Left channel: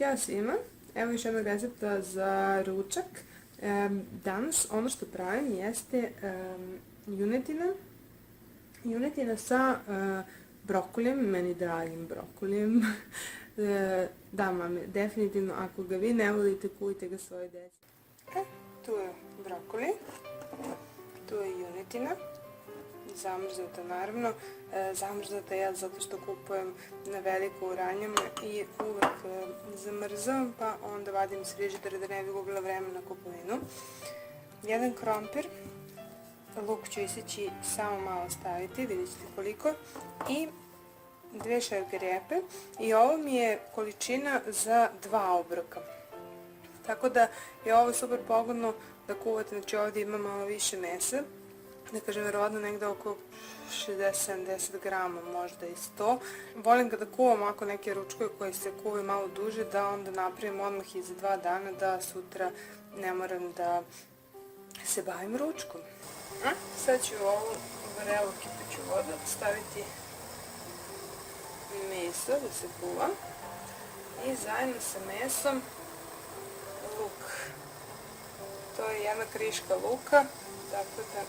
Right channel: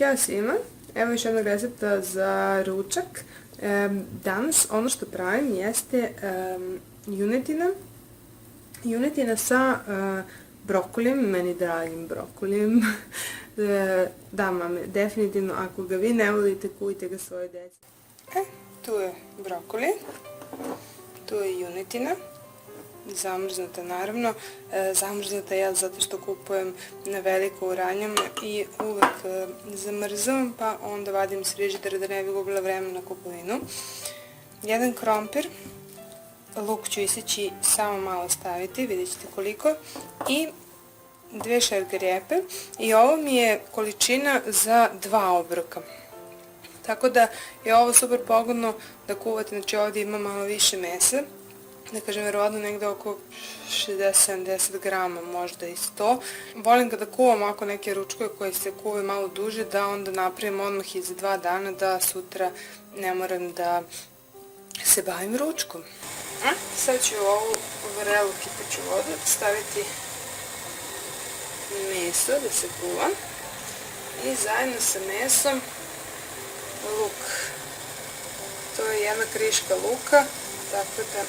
Ćao svima, evo još jednog recepta za ručak. Danas ono što pravim jeste junetina sa brokulijem, meni dragim brokulijem. Da, mame, definitivno ako ga vi ne volite, kujte ga svoje deci. Tu je brokuli, tu je junetina. Zamrznuta naravno, zamrznuta je zato što kupujem na veliko u ranjama i uvek zamrzavam, pa onda vadim iz frižidera da ne bi gubila vremena na kupovinu. Jedan krompir, luk ću iseći samo malo staviti, vidjet ćete koliko, i 2 šerke repe i ovo mi je količina za 2 obroka. Tako da je ovo super pogodno da kuvate, znači ovdje ima malo više mesa. Da kažem, verovatno negde oko 60-70 grama, možda i 100. Volim kada kuvam ovako neke ručkove koje se kuvaju malo duže, da onda napravim odmah i za 2 dana, da sutra ne moram da se bavim ručkom. Sad ću u ovu vrelu kipeću vodu staviti meso da se kuva i zajedno sa mesom luk. To je jedna kriška luka, tako da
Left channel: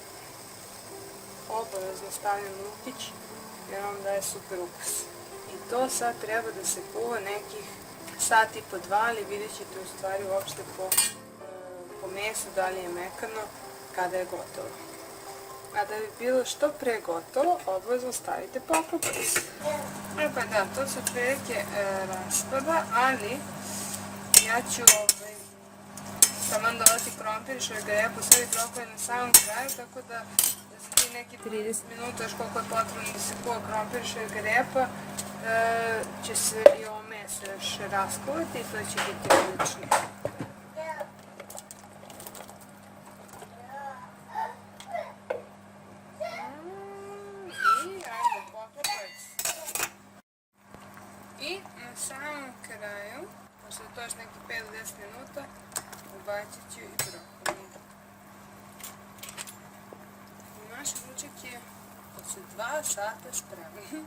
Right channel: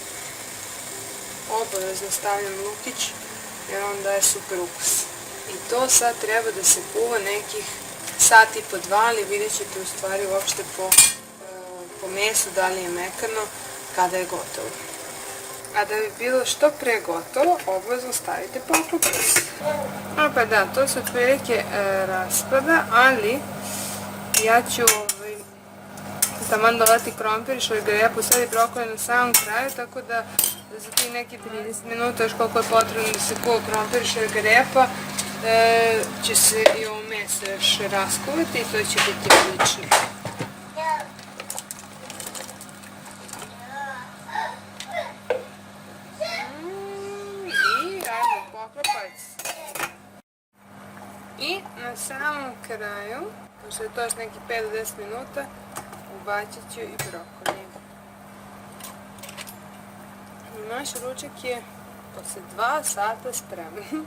obavezno stavljam lukić jer on daje super ukus. I to sad treba da se kuva nekih sat i po 2, ali vidjet ćete u stvari uopšte po mesu da li je mekano kada je gotovo. A da bi bilo što pre gotovo, obavezno stavite poklopac. Pa da, to se otprilike raspada, ali ja ću taman dodati krompir, šargarepu, sad i brokoli na samom kraju, tako da za tih neki 30 minuta, još koliko je potrebno da se kuva krompir i šargarepa, će se i ovo meso još raskuvati i to će biti odlično. I ajmo poklopac. I na samom kraju, pošto je to još neki 5 do 10 minuta, ubacit ću i brokoli. Naš ručak je posle 2 sata spreman.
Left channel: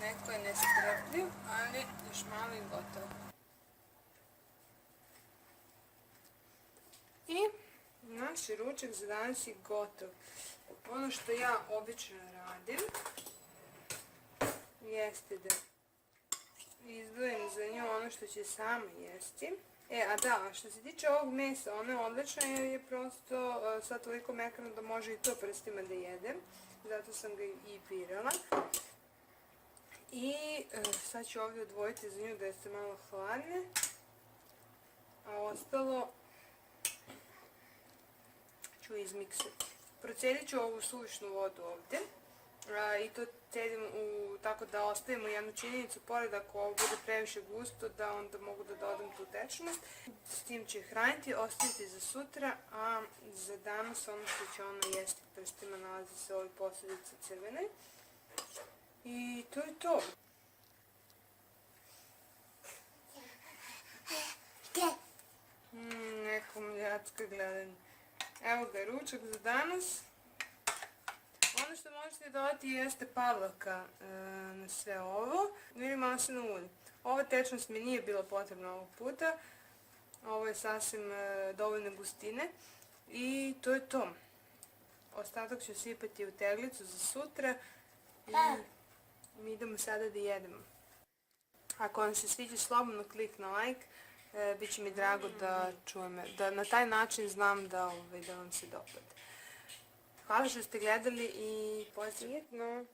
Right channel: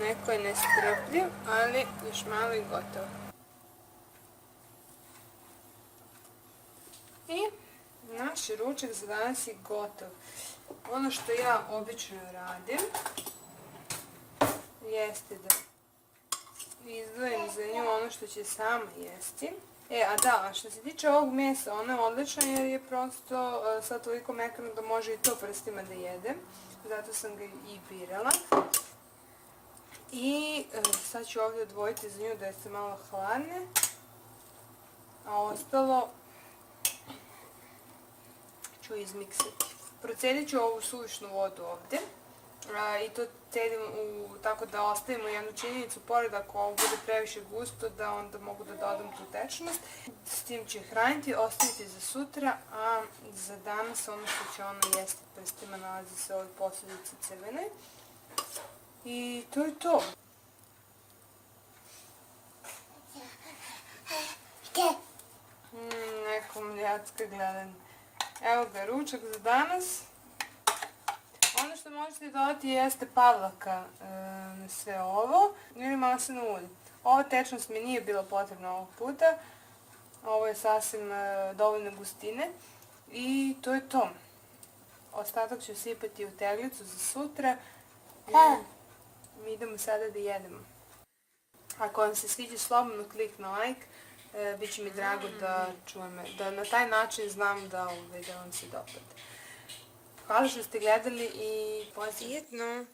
Neko je nestrpljiv, ali još malo i gotovo. I naš ručak za danas je gotov. Ono što ja obično radim jeste da izdvojim za nju ono što će sama jesti. A što se tiče ovog mesa, ono je odlično jer je prosto sad toliko mekano da može i to prstima da jede. Zato sam ga i birala. I sad ću ovdje odvojiti za nju da se malo hladne. A ostalo ću izmiksati. Procelit ću ovu suvišnu vodu ovdje. I to cedim tako da ostavimo jednu činjenicu pored, ako ovo bude previše gusto, da onda mogu da dodam tu tečnost. S tim ću hraniti, ostaviti za sutra, a za danas ono što će ona jesti prstima nalazi se ovoj posudici crvene. I to je to. Neko mljacka gledanje. Evo ga, ručak za danas. Ono što možete dodati jeste pavlaka na sve ovo ili maslinovo ulje. Ova tečnost mi nije bila potrebna ovog puta. Ovo je sasvim dovoljno gustine. I to je to. Ostatak ću sipati u teglicu za sutra. Mi idemo sada da jedemo. Ako vam se sviđa, slobodno klik na like. Biće mi drago da čujem, da na taj način znam da vam se dopada. Hvala što ste gledali i pozitivno!